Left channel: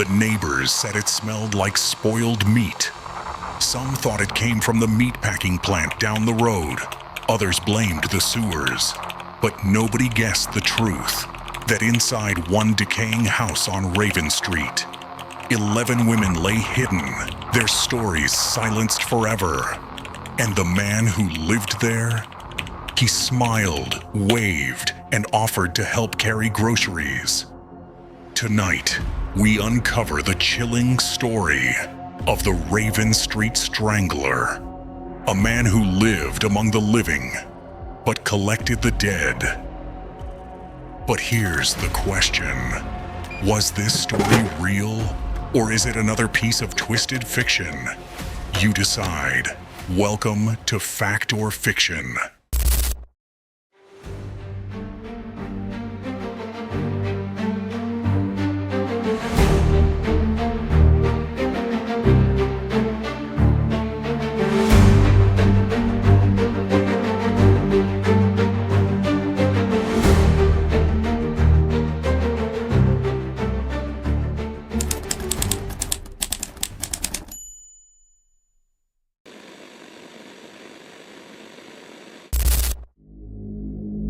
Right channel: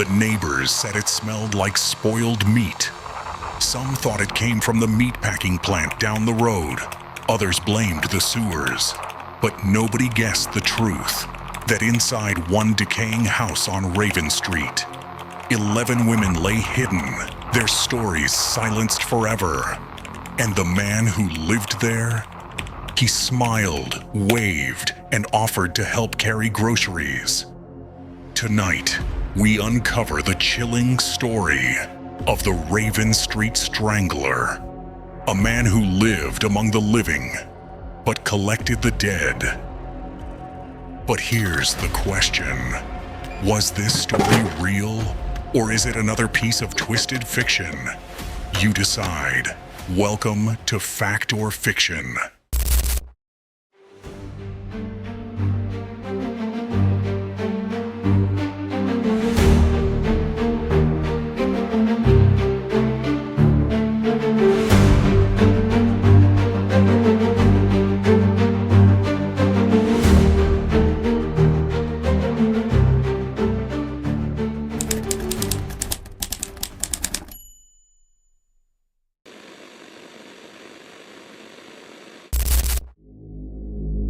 The neighbors said it smelled like spoiled meat. Some thought it came from the meatpacking plant down the road. Others blamed the sewers. But nobody guessed the truth, that inside one decaying house on Raven Street, 11 women lay hidden, their stories silenced forever. And the man who lived there? He smiled, waved, and offered to help carry groceries. Tonight, we uncover the chilling story of the Raven Street Strangler, a man who lived among the living, but collected the dead. But here's the question. Was this story real, or is it another piece of twisted fiction? You decide. Welcome to Fact or Fiction.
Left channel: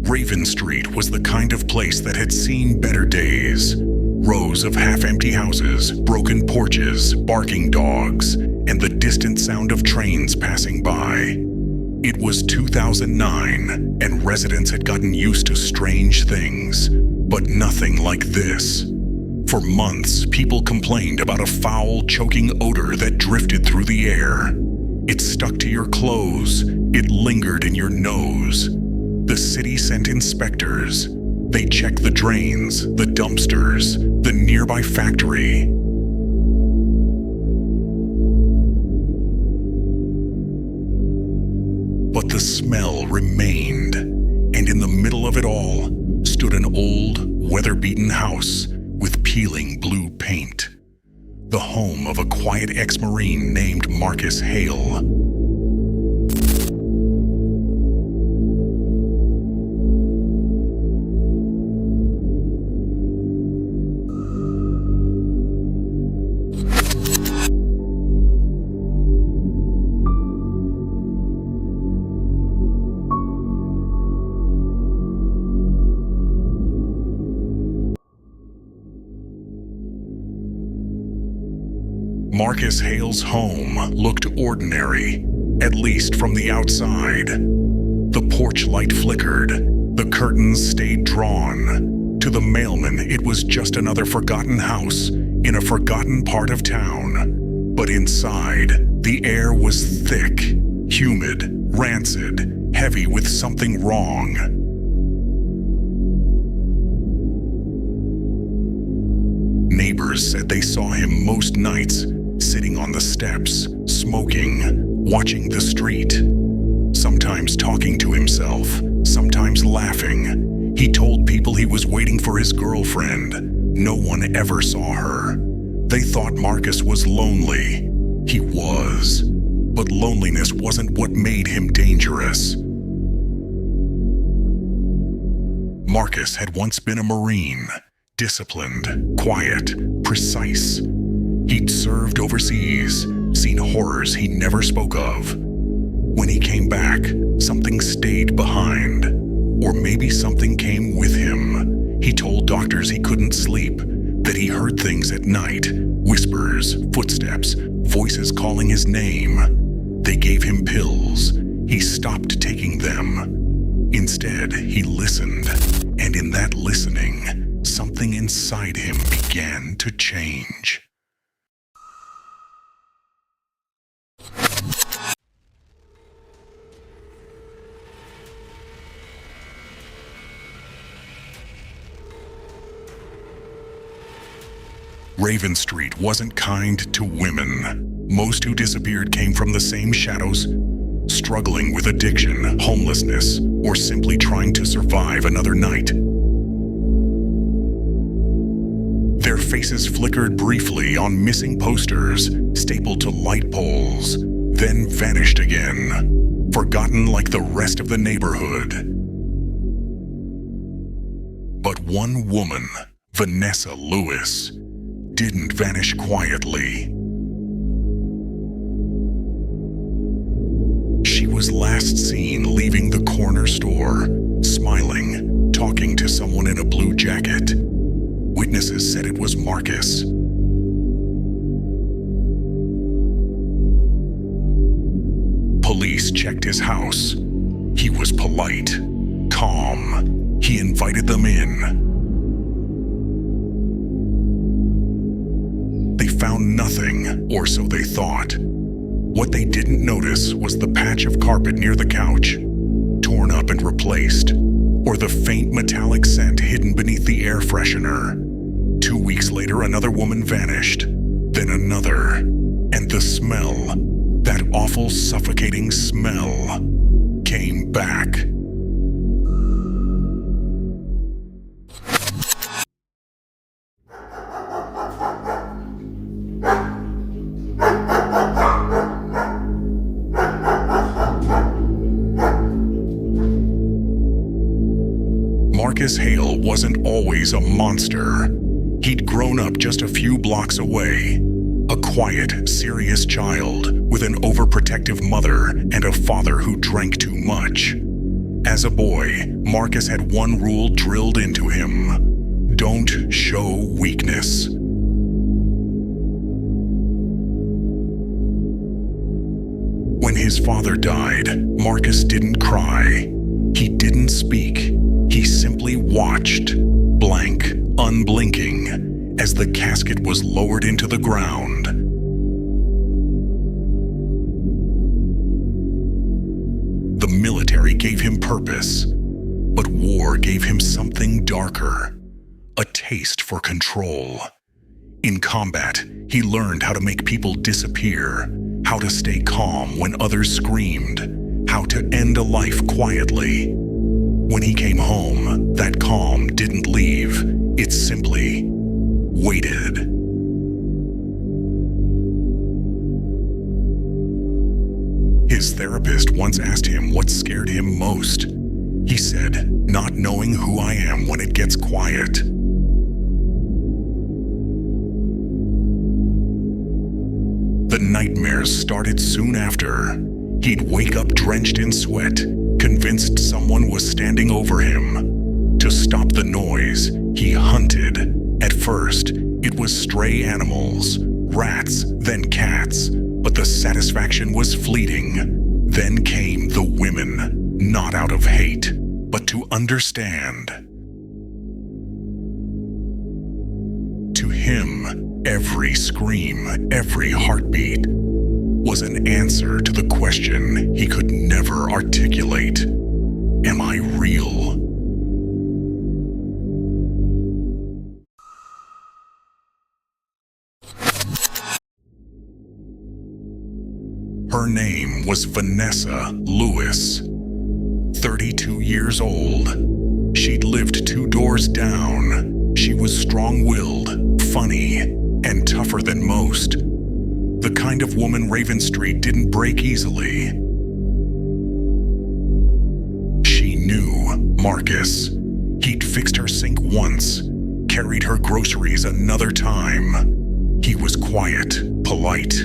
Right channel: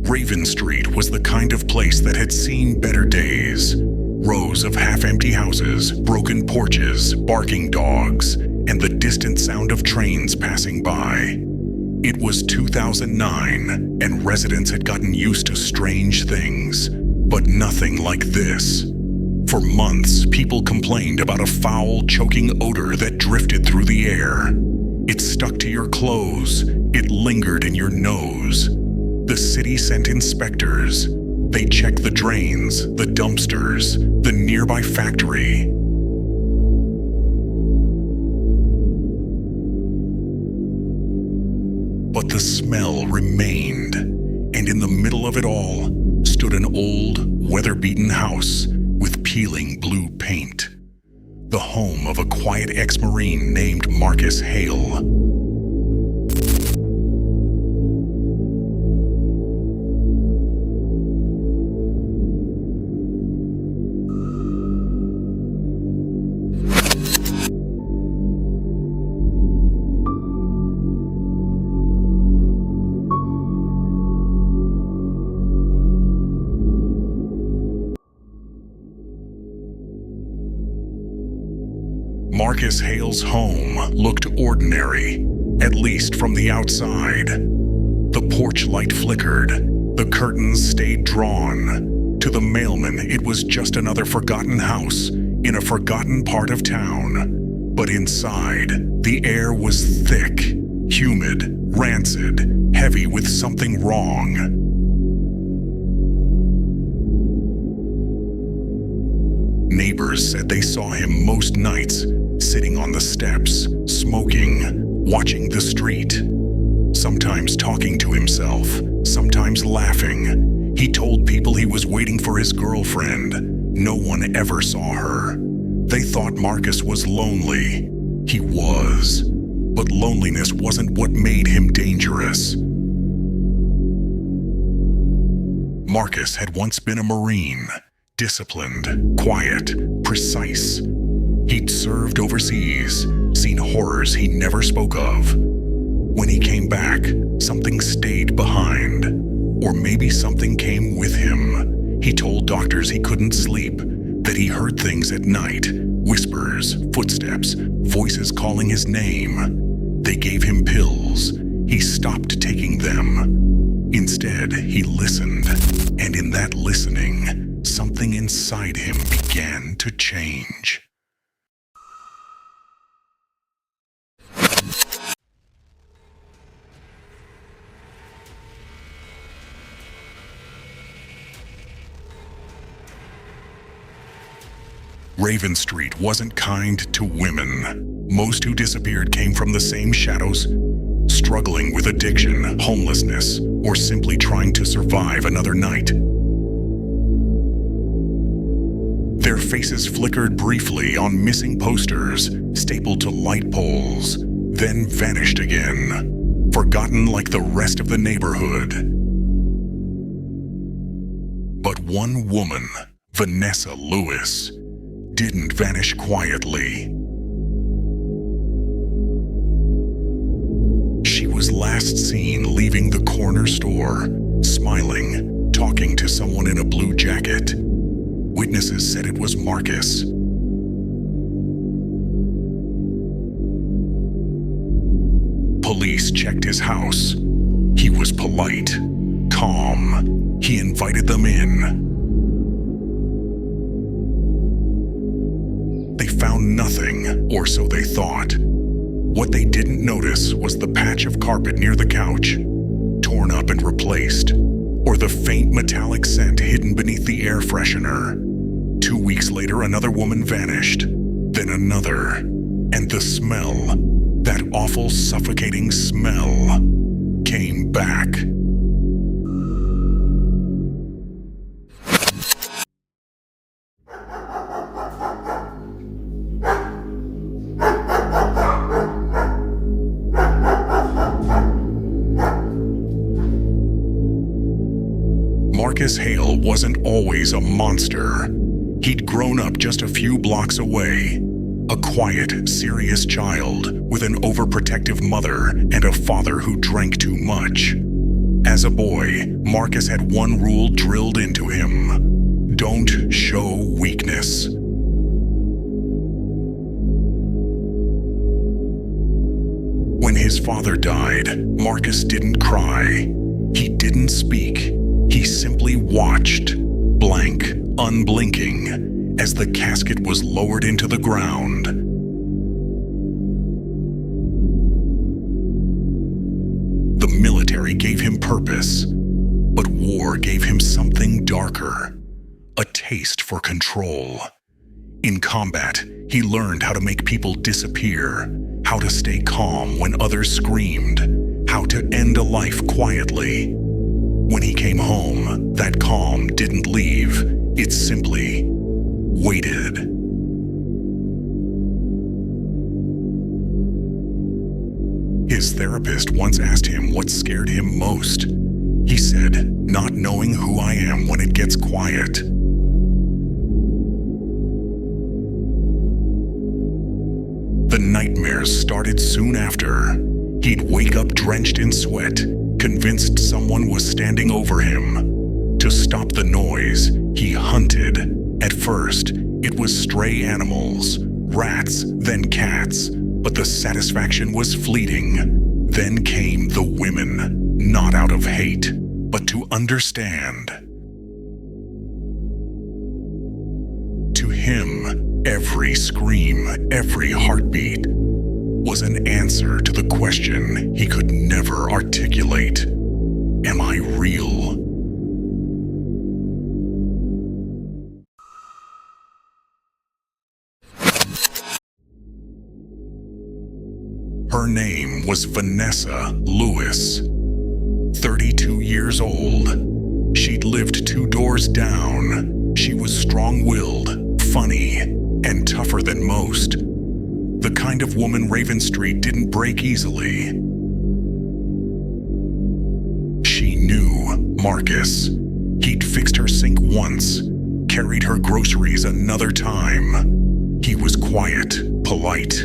Raven Street was the kind of place that had seen better days. Rows of half-empty houses, broken porches, barking dogs, and the distant sound of trains passing by. It was 2009, and residents had gotten used to strange things, but nothing like this. For months, people complained about a foul, choking odor that drifted through the air. It stuck to your clothes. It lingered in your nose. The city sent inspectors. They checked the drains, the dumpsters, the nearby factory. But the smell remained, and in the middle of it all stood an old, weather-beaten house with peeling blue paint. The home of a quiet ex-Marine named Marcus Hale. Marcus Hale's home looked ordinary, at least from the outside. The porch light flickered, the curtains stayed drawn. To the mailman, it was just another forgotten house in a forgotten part of town. But inside, the air was thick, humid, rancid, heavy with something wrong. Neighbors said they saw him most nights, sitting on the steps, smoking, watching the street. Sometimes talking to himself, sometimes laughing. He told people he was waiting for his girlfriend. No one ever saw her. They thought Marcus was lonely. He was. But loneliness wasn't what made him dangerous. Marcus had once been a Marine. Disciplined, quiet, precise. He'd served overseas, seen horrors he never spoke of. When he came back, something stayed behind. Or maybe something came with him. He told doctors he couldn't sleep, that he heard things at night, whispers, footsteps, voices calling his name. They gave him pills. He stopped taking them. Instead, he listened, and in that listening, something inside him began to change. Raven Street wasn't kind to women. Most who disappeared came from the same shadows, struggling with addiction, homelessness, or simply trying to survive another night. Their faces flickered briefly on missing posters, stapled to light poles, then vanished again, forgotten like the rest of the neighborhood. But one woman, Vanessa Lewis, didn't vanish quietly. She was last seen leaving the corner store, smiling, talking to someone in a blue jacket. Witnesses said it was Marcus. Police checked his house. He was polite, calm. He invited them in. They found nothing, or so they thought. What they didn't notice was the patch of carpet near the couch, torn up and replaced, or the faint metallic scent hidden beneath the air freshener. 2 weeks later, another woman vanished, then another, and the smell, that awful suffocating smell, came back. Marcus Hale wasn't always a monster. He'd grown up just a few blocks away. A quiet, serious child with an overprotective mother and a father who drank too much. As a boy, Marcus had one rule drilled into him: don't show weakness. When his father died, Marcus didn't cry. He didn't speak. He simply watched, blank, unblinking, as the casket was lowered into the ground. The military gave him purpose, but war gave him something darker, a taste for control. In combat, he learned how to make people disappear, how to stay calm when others screamed, how to end a life quietly. When he came home, that calm didn't leave. It simply waited. His therapist once asked him what scared him most. He said, "Not knowing who I am when it gets quiet." The nightmares started soon after. He'd wake up drenched in sweat, convinced someone was standing over him. To stop the noise, he hunted. At first, it was stray animals, rats, then cats, but the satisfaction was fleeting. Then came the women, not out of hate, but to understand. To him, every scream, every heartbeat was an answer to the question he could never articulate: am I real? Her name was Vanessa Lewis, 32 years old. She'd lived 2 doors down. She was strong-willed, funny, and tougher than most. The kind of woman Raven Street didn't break easily. She knew Marcus. He'd fixed her sink once, carried her groceries another time. He was quiet, polite,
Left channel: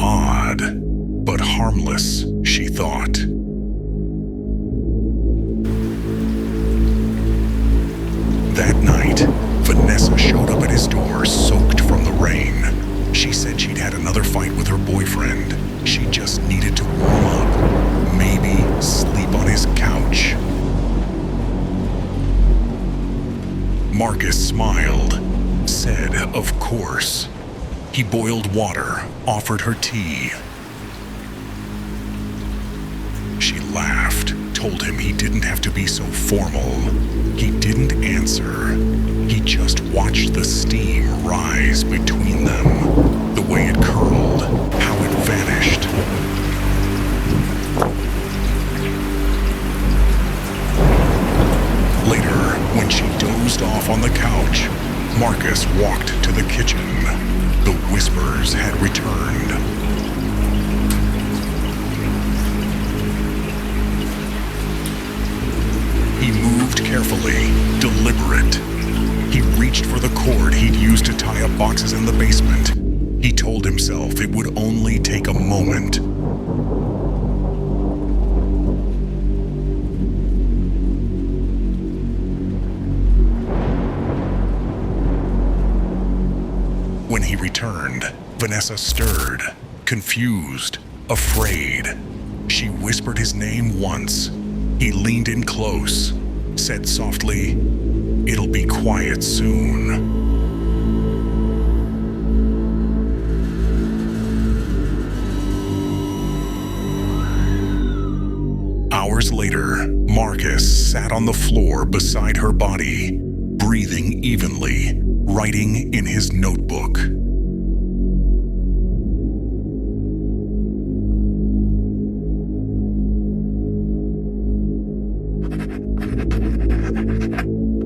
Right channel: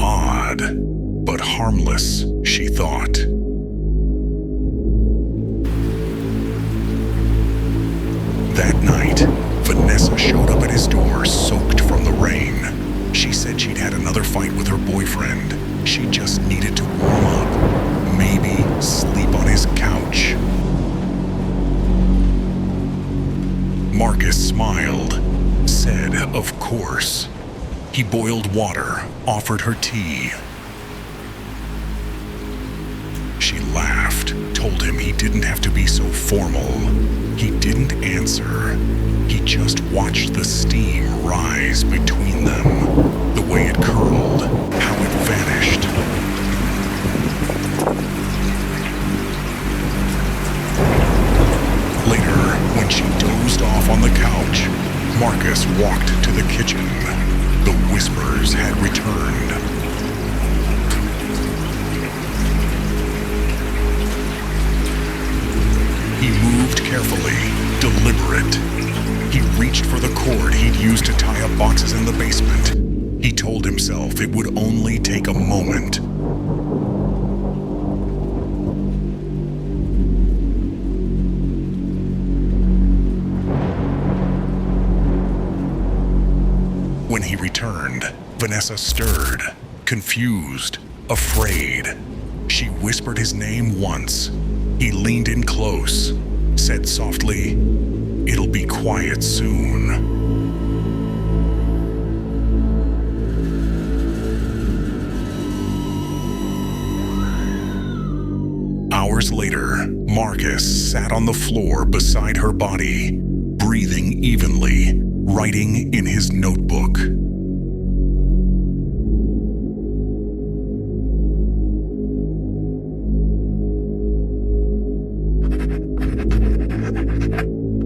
odd, but harmless, she thought. That night, Vanessa showed up at his door soaked from the rain. She said she'd had another fight with her boyfriend. She just needed to warm up, maybe sleep on his couch. Marcus smiled, said, of course. He boiled water, offered her tea. She laughed, told him he didn't have to be so formal. He didn't answer. He just watched the steam rise between them, the way it curled, how it vanished. Later, when she dozed off on the couch, Marcus walked to the kitchen. The whispers had returned. He moved carefully, deliberate. He reached for the cord he'd used to tie up boxes in the basement. He told himself it would only take a moment. When he returned, Vanessa stirred, confused, afraid. She whispered his name once. He leaned in close, said softly, "It'll be quiet soon." Hours later, Marcus sat on the floor beside her body, breathing evenly, writing in his notebook.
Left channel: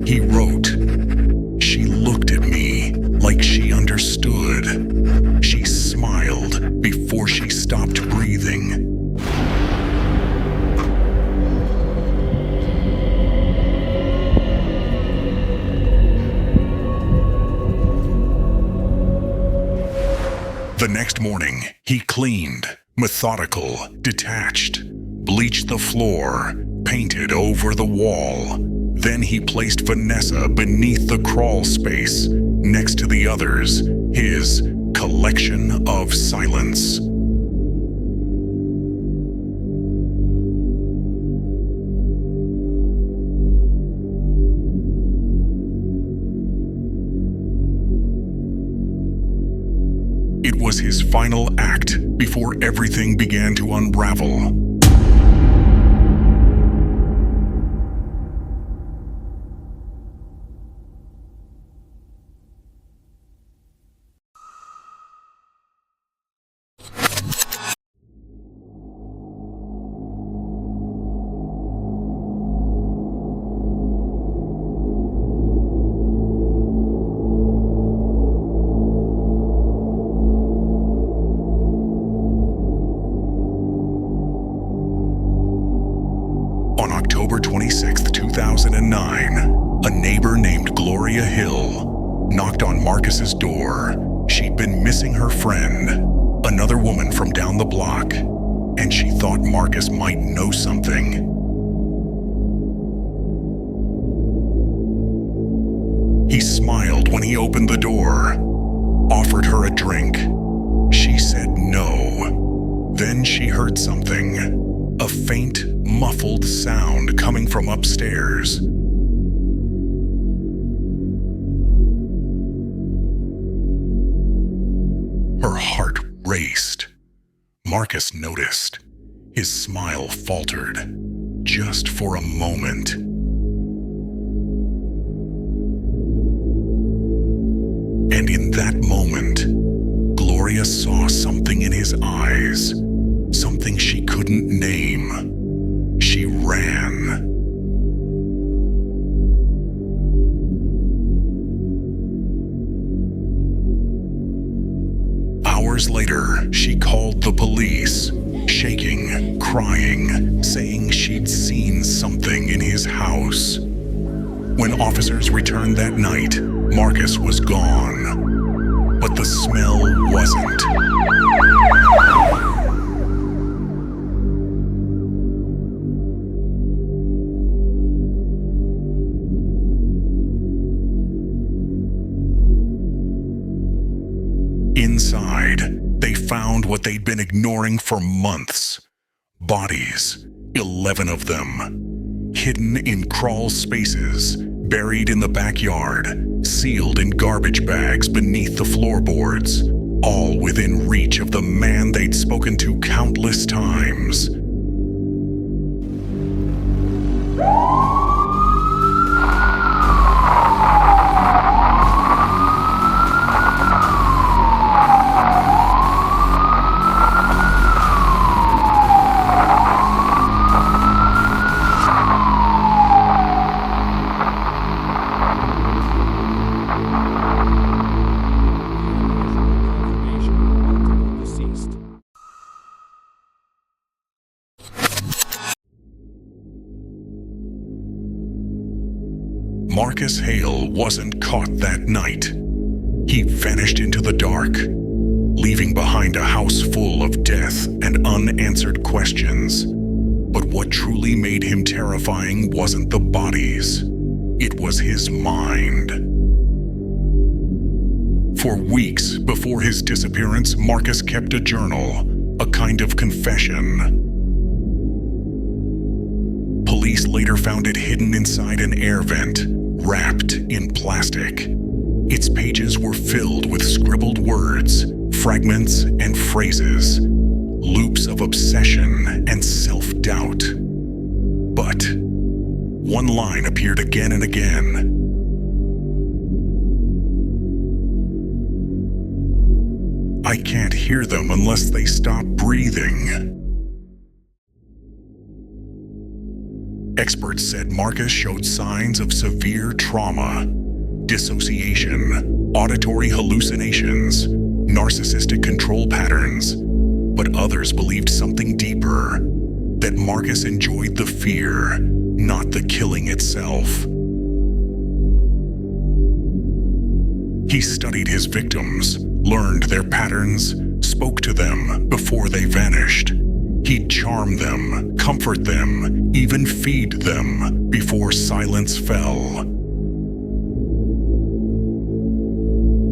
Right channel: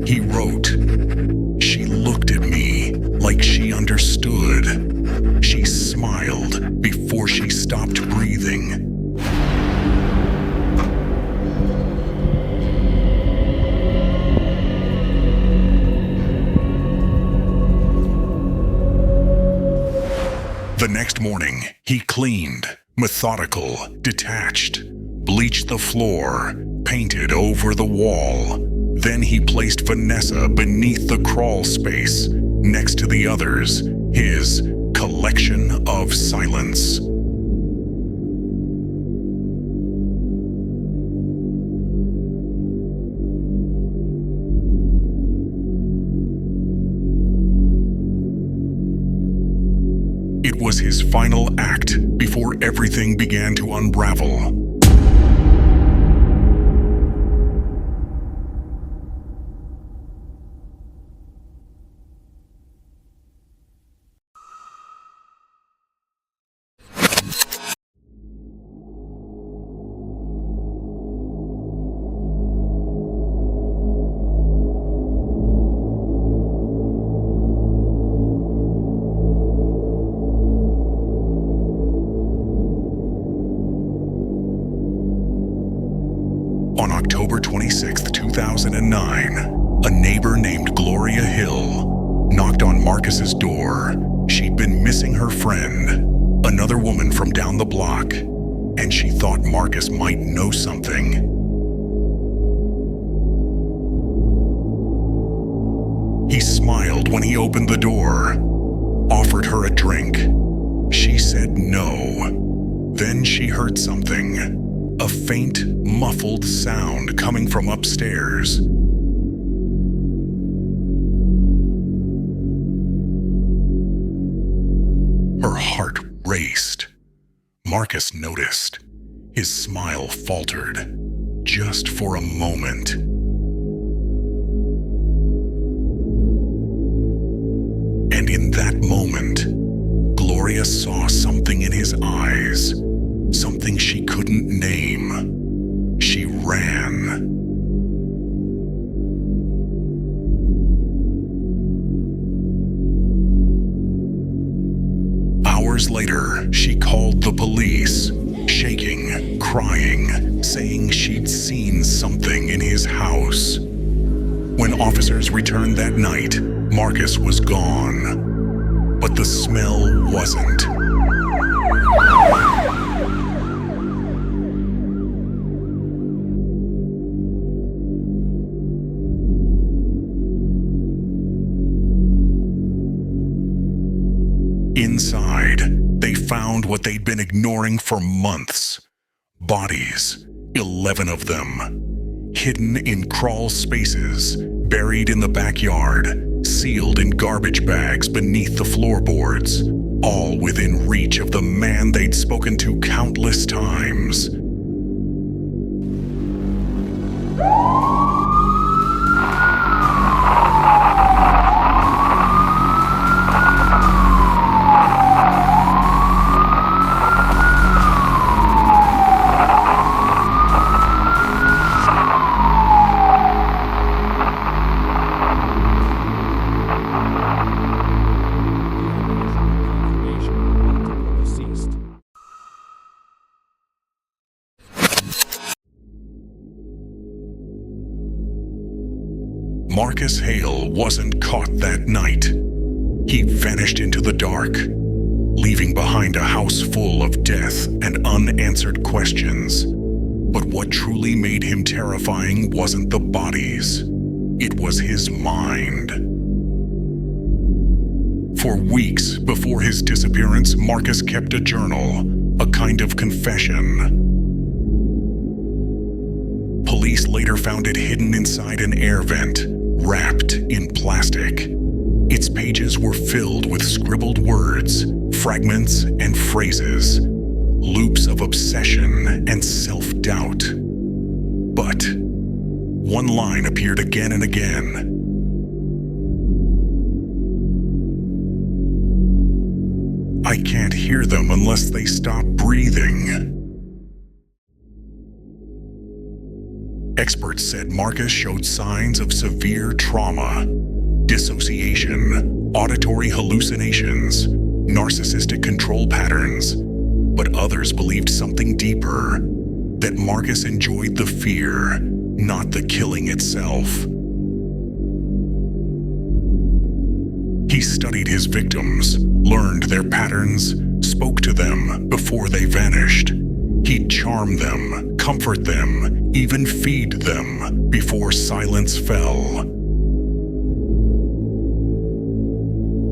He wrote, "She looked at me like she understood. She smiled before she stopped breathing." The next morning, he cleaned, methodical, detached, bleached the floor, painted over the wall. Then he placed Vanessa beneath the crawl space, next to the others, his collection of silence. It was his final act before everything began to unravel. On October 26, 2009, a neighbor named Gloria Hill knocked on Marcus's door. She'd been missing her friend, another woman from down the block, and she thought Marcus might know something. He smiled when he opened the door, offered her a drink. She said no. Then she heard something. A faint, muffled sound coming from upstairs. Her heart raced. Marcus noticed. His smile faltered, just for a moment. And in that moment, Gloria saw something in his eyes. Something she couldn't name. She ran. Hours later, she called the police, shaking, crying, saying she'd seen something in his house. When officers returned that night, Marcus was gone. But the smell wasn't. Inside, they found what they'd been ignoring for months. Bodies, 11 of them, hidden in crawl spaces, buried in the backyard, sealed in garbage bags beneath the floorboards, all within reach of the man they'd spoken to countless times. Marcus Hale wasn't caught that night. He vanished into the dark, leaving behind a house full of death and unanswered questions. But what truly made him terrifying wasn't the bodies. It was his mind. For weeks before his disappearance, Marcus kept a journal, a kind of confession. Police later found it hidden inside an air vent, wrapped in plastic. Its pages were filled with scribbled words, fragments and phrases, loops of obsession and self-doubt. But one line appeared again and again. I can't hear them unless they stop breathing. Experts said Marcus showed signs of severe trauma, dissociation, auditory hallucinations, narcissistic control patterns. But others believed something deeper, that Marcus enjoyed the fear, not the killing itself. He studied his victims, learned their patterns, spoke to them before they vanished. He'd charm them, comfort them, even feed them before silence fell.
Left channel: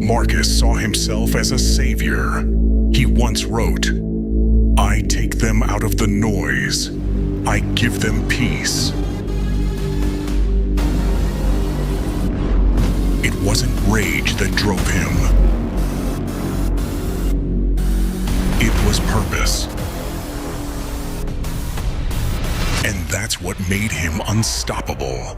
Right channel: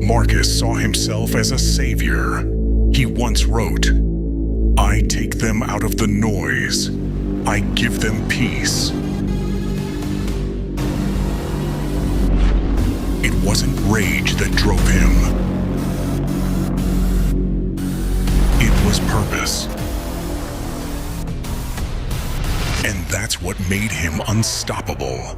Marcus saw himself as a savior. He once wrote, "I take them out of the noise. I give them peace." It wasn't rage that drove him. It was purpose. And that's what made him unstoppable.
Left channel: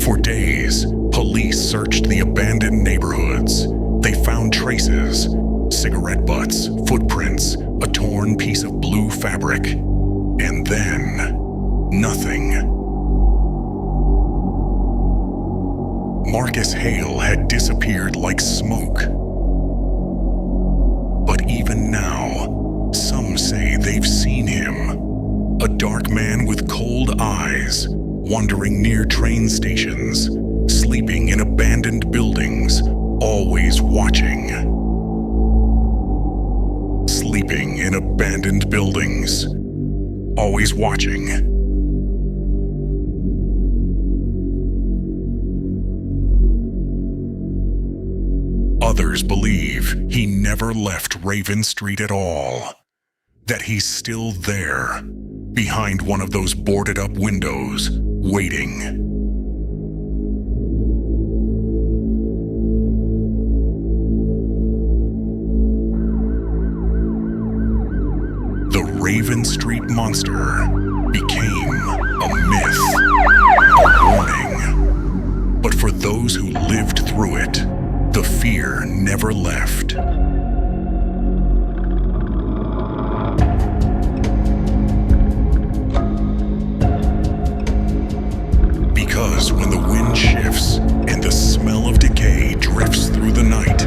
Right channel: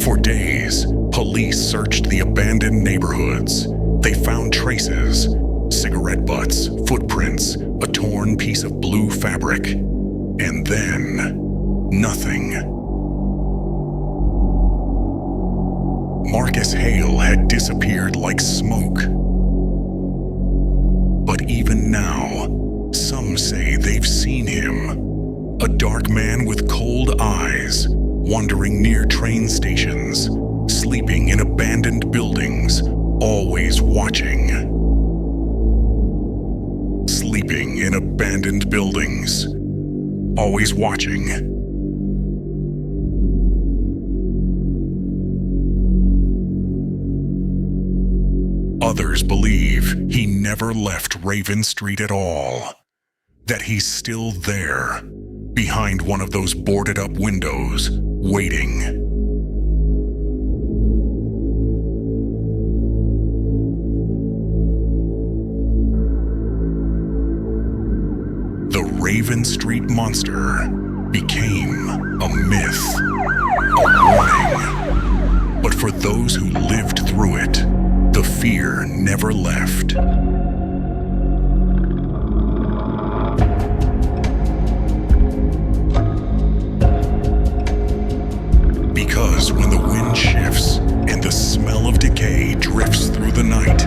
For days, police searched the abandoned neighborhoods. They found traces, cigarette butts, footprints, a torn piece of blue fabric, and then nothing. Marcus Hale had disappeared like smoke. But even now, some say they've seen him. A dark man with cold eyes, wandering near train stations, sleeping in abandoned buildings, always watching. Sleeping in abandoned buildings, always watching. Others believe he never left Raven Street at all, that he's still there, behind one of those boarded-up windows, waiting. The Raven Street Monster became a myth, a warning. But for those who lived through it, the fear never left. Because when the wind shifts and the smell of decay drifts through the night,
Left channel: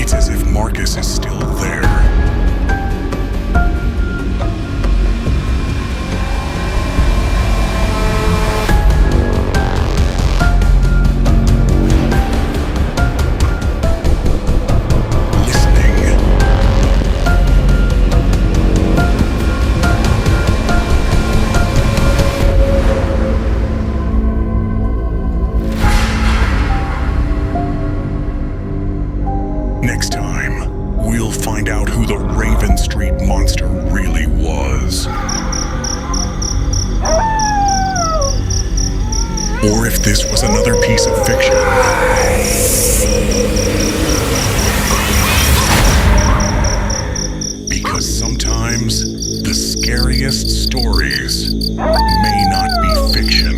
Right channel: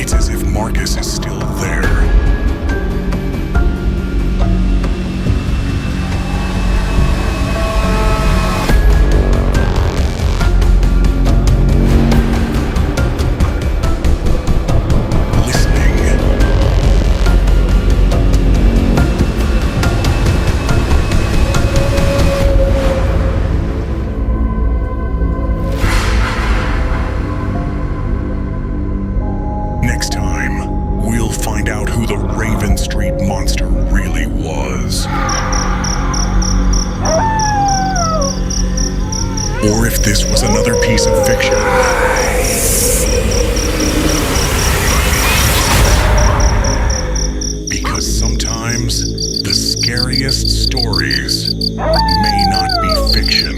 it's as if Marcus is still there. Next time, we'll find out who the Raven Street Monster really was. Or if this was another piece of fiction. Because sometimes the scariest stories may not be fiction.